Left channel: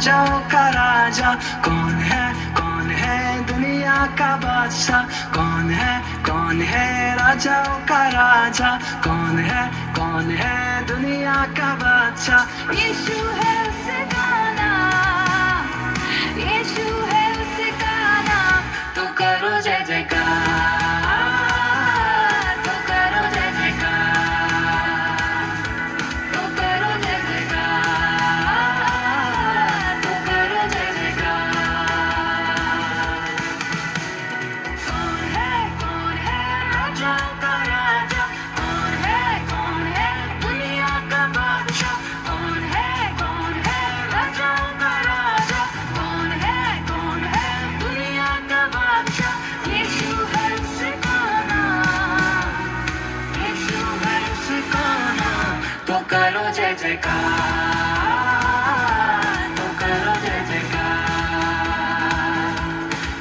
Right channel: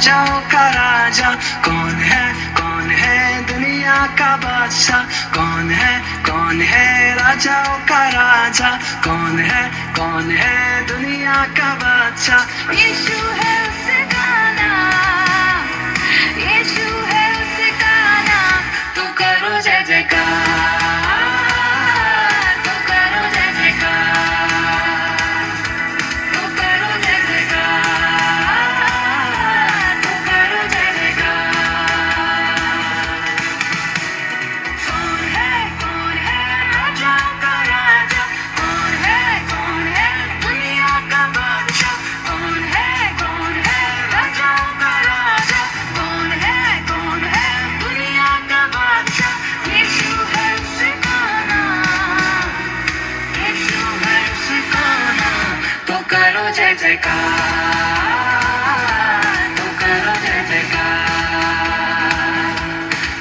राजाओं का राजा। कौन है दुनिया का बादशाह? कौन है राजाओं का राजा? कौन है दुनिया का बादशाह? यीशु है उसका नाम, यीशु है उसका नाम। तो करो जय जयकार, तो करो जय जयकार, तो करो जय जयकार, तो करो जय जयकार। कौन है राजाओं का राजा? कौन है दुनिया का बादशाह? कौन है राजाओं का राजा? कौन है दुनिया का बादशाह? यीशु है उसका नाम, यीशु है उसका नाम। तो करो जय जयकार, तो करो जय जयकार,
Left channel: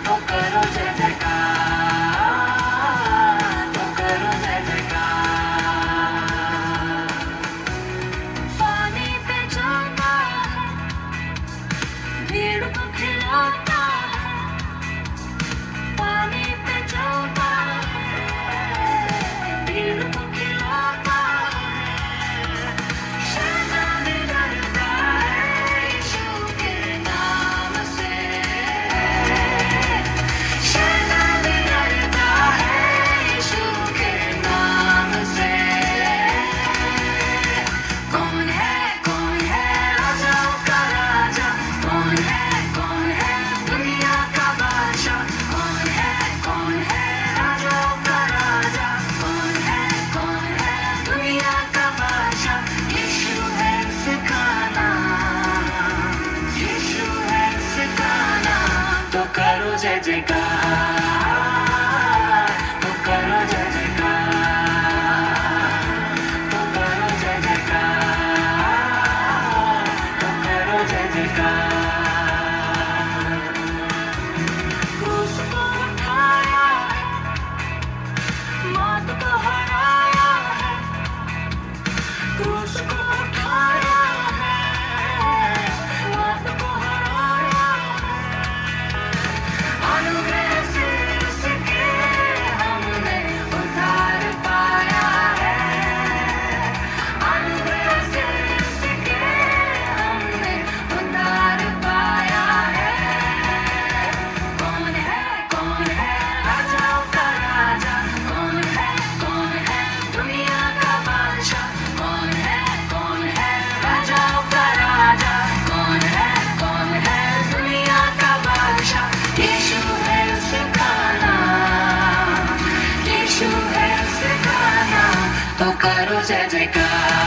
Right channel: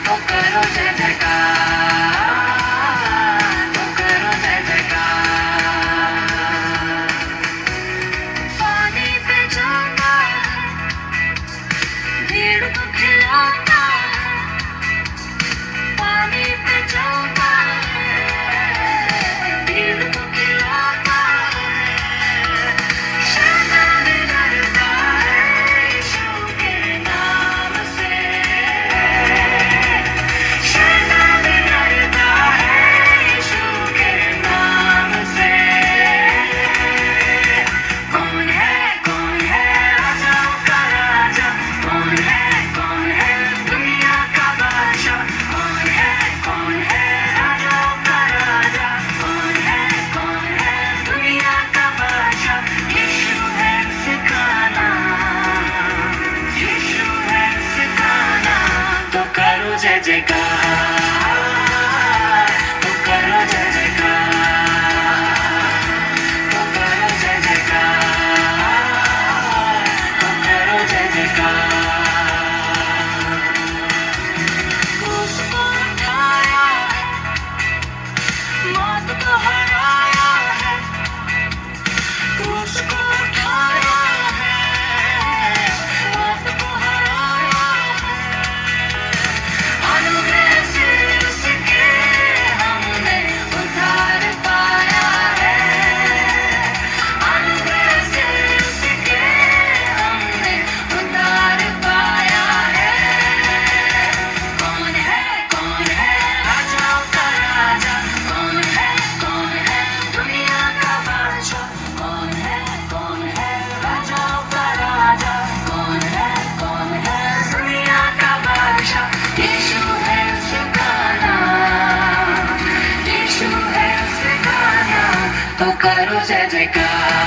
तो करो जय जयकार, तो करो जय जयकार। पानी पे चलता है, भीड़ को खिलाता है। पानी पे चलता है, भीड़ को खिलाता है। शैतान डरता है यीशु के नाम से। शैतान डरता है यीशु के नाम से। कौन है राजाओं का राजा? कौन है दुनिया का बादशाह? कौन है राजाओं का राजा? कौन है दुनिया का बादशाह? यीशु है उसका नाम, यीशु है उसका नाम। तो करो जय जयकार, तो करो जय जयकार, तो करो जय जयकार, तो करो जय जयकार। उसको उठाया है, मौत को हराया है। उसको उठाया है, मौत को हराया है। अनुग्रह से उसके हमने उद्धार पाया है। अनुग्रह से उसके हमने उद्धार पाया है। कौन है राजाओं का राजा? कौन है दुनिया का बादशाह? कौन है राजाओं का राजा? कौन है दुनिया का बादशाह? यीशु है उसका नाम, यीशु है उसका नाम। तो करो जय जयकार,